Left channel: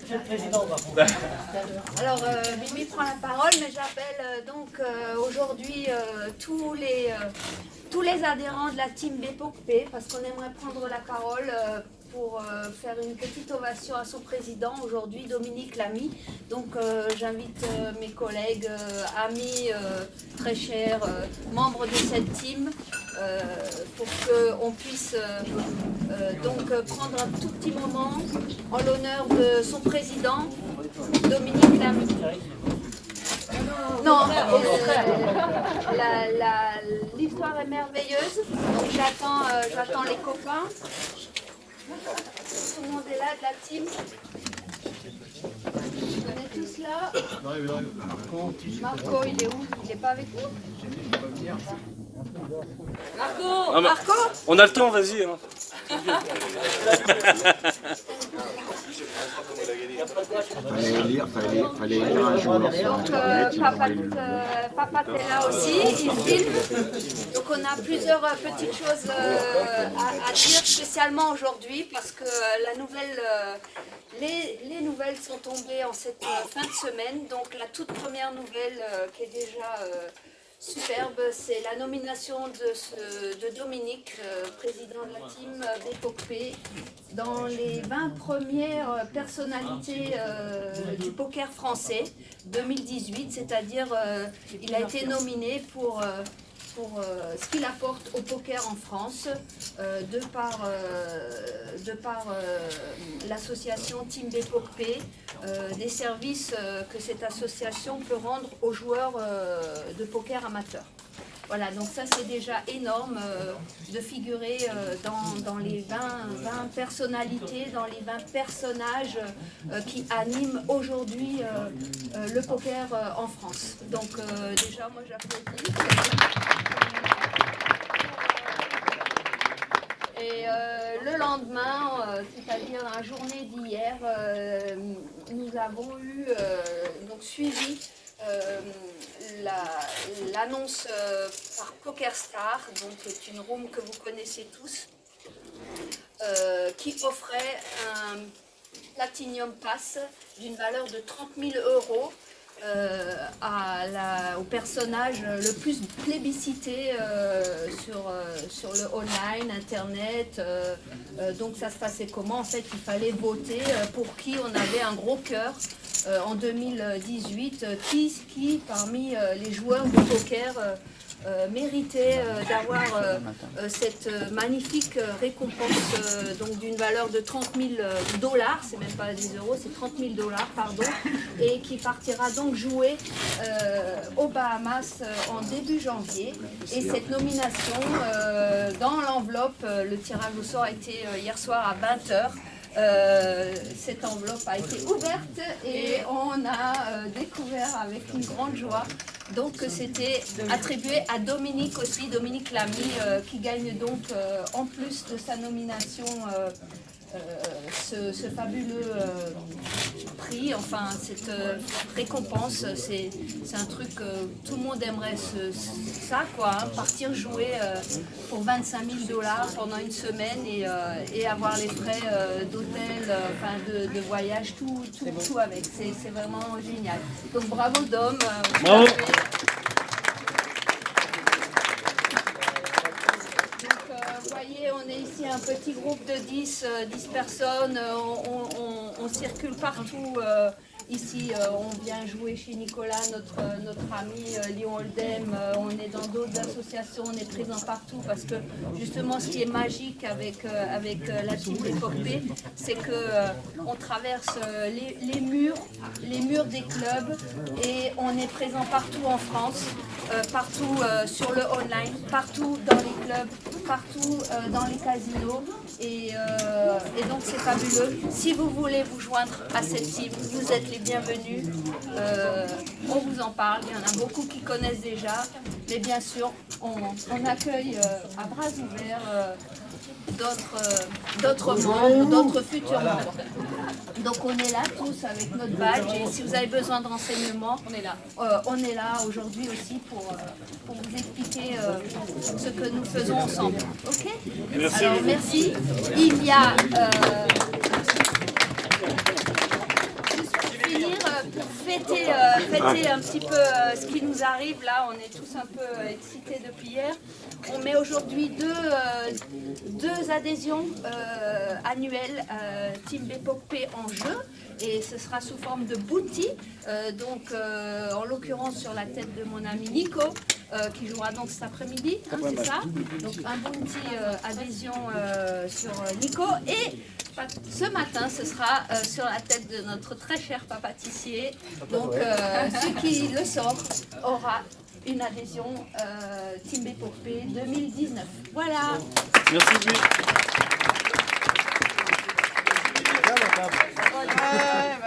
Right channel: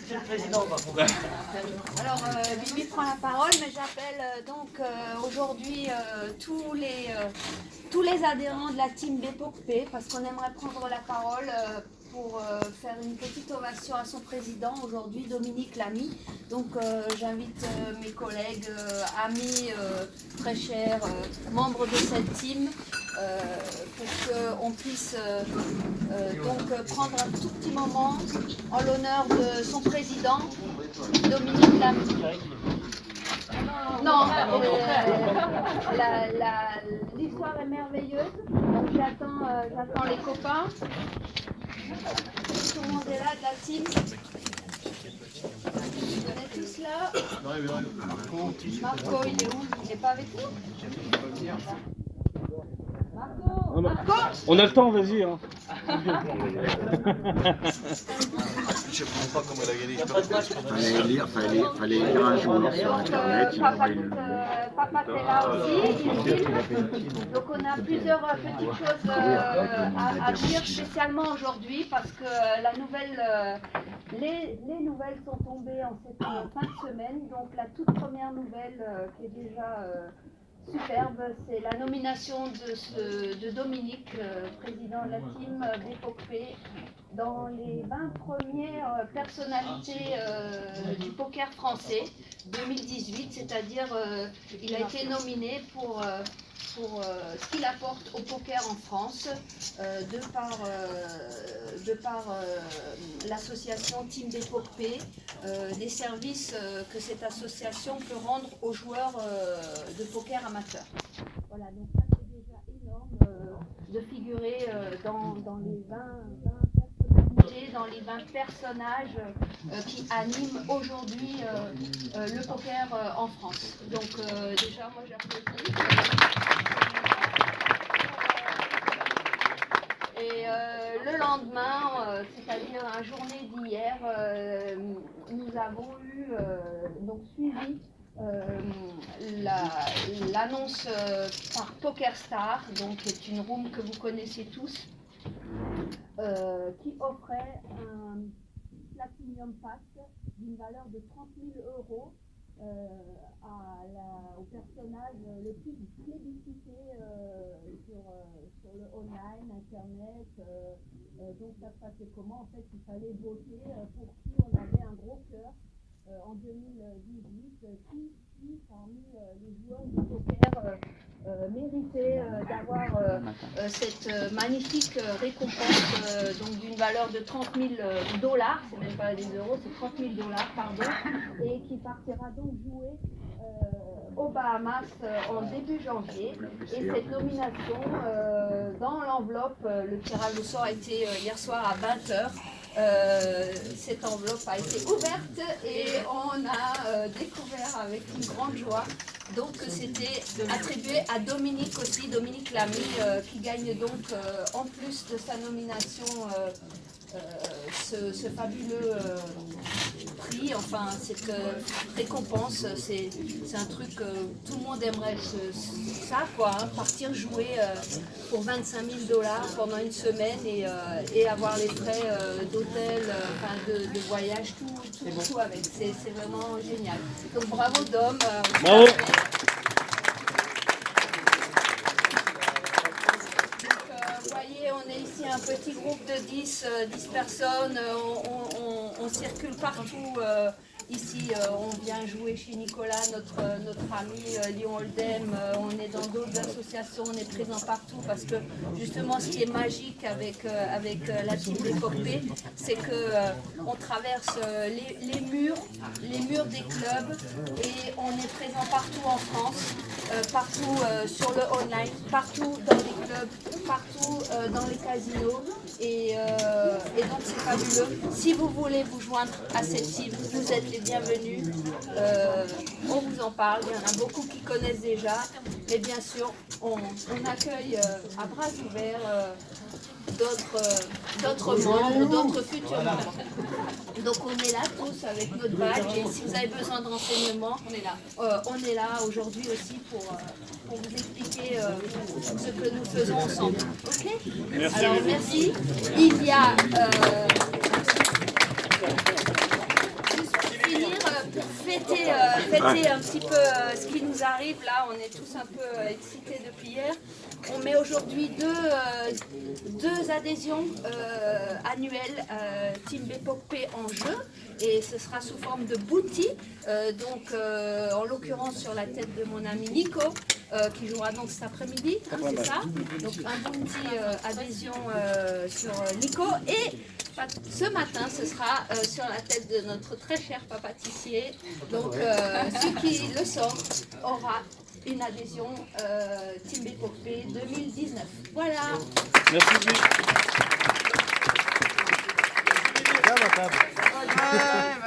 Monsieur le Président, Alors, Bibi prend la parole, mais j'appelle donc aujourd'hui tous les adhérents de la team BPOCP parce qu'on aimerait prendre la parole pour faire une petite ovation à son président aujourd'hui, Dominique Lamy. Donc j'invite mes collègues, amis, très chers, membres de cette team pour qu'on puisse donc prendre un tout petit moment en l'honneur de son président, Dominique Lamy. Non, l'histoire est merveilleuse, donc j'attends les copains. Tout le monde est là, de la team. On est tous là. Marco, il est où? Il n'est pas avec nous? Marco, On a le temps, vas-y. Hein. Fallait lire un journal sur Internet. Papa est là aussi, il filme. Donc on a plusieurs petites choses à dire spécialement aujourd'hui parce que les nouvelles sont tombées en cette fin de semaine. Donc la toute première nouvelle qui est déjà superbe, c'est la nomination de Dominique, président de la team BPOCP, dans les 20 premières personnalités du poker français 2018, c'est-à-dire il a été nominé pour ce qu'il apporte au poker en France de par l'association Team BPOCP, des services que cette association peut rendre aux joueurs de poker amateurs. Voilà, donc ça c'est déjà énorme de figurer dans les 20 personnalités, dans les 20 personnages qui animent aujourd'hui le poker en France. Donc déjà moi j'applaudis. Et le lendemain, c'est-à-dire la journée d'hier, nous avons eu donc suivi l'annonce par PokerStars, donc qui est une room que vous connaissez tous, qui offrait un Platinum Pass d'une valeur de 30 000 € au personnage le plus plébiscité sur le online, internet. Donc ça se passait comment? En fait, il fallait voter pour qui on avait un gros cœur en 2018, qui parmi les joueurs de poker méritait d'avoir cette magnifique récompense donc d'une valeur de 30 000 $, c'est même pas des euros, c'est 30 000 $, pardon, et qui partira donc jouer aux Bahamas en début janvier. Et cette nomination, dans l'enveloppe, le tirage au sort a été hier soir à 20h. Cette enveloppe a été ouverte et on a découvert avec une grande joie donc que c'était attribué à Dominique aussi, Dominique Lamy, qui gagne donc en plus de sa nomination ce fabuleux prix, enfin cette récompense. C'est un truc que tout le monde aimerait ça quoi, hein, partir jouer pour 25 000 $ pendant une semaine et avoir les frais d'hôtel, de voyage, tout avec. C'est vraiment génial. Donc bravo Dom. Bravo. On est ici un petit groupe de 10 personnes, on circule partout. Ici, on vient jouer chez Nicolas, notre ami Lyon Oldham. On est dans d'autres associations, on est présent partout parce que justement, ce qui est magique avec la team BPOCP, c'est qu'on traverse les murs des clubs et on est présent partout en France, partout sur le online, partout dans les clubs, partout dans les casinos. Et donc, c'est fabuleux. Si vous voulez vous joindre à cette team, vous êtes les bienvenus. On vous en parle, il y en a beaucoup qui connaissent déjà, mais bien sûr on accueille à bras ouverts d'autres membres, d'autres futurs membres. Donc on est là tous avec notre badge et si vous avez besoin de renseignements, on est là aujourd'hui aussi pour vous expliquer ce que nous faisons ensemble. Ok ? Merci. Alors merci. Il y a fêter un petit peu ce qui nous arrive là. On est tous un peu excités depuis hier. On met aujourd'hui deux adhésions annuelles Team Bepop en jeu. Et ce sera sous forme de booty, en l'occurrence sur la tête de mon ami Nico, qui jouera donc cet après-midi, hein, c'est ça. Donc un booty adhésion sur Nico, et ce matin ce sera sur la tête de notre très cher papa Tissier. Donc celui qui le sort aura une adhésion Team Bépopée 2019. Voilà. Merci.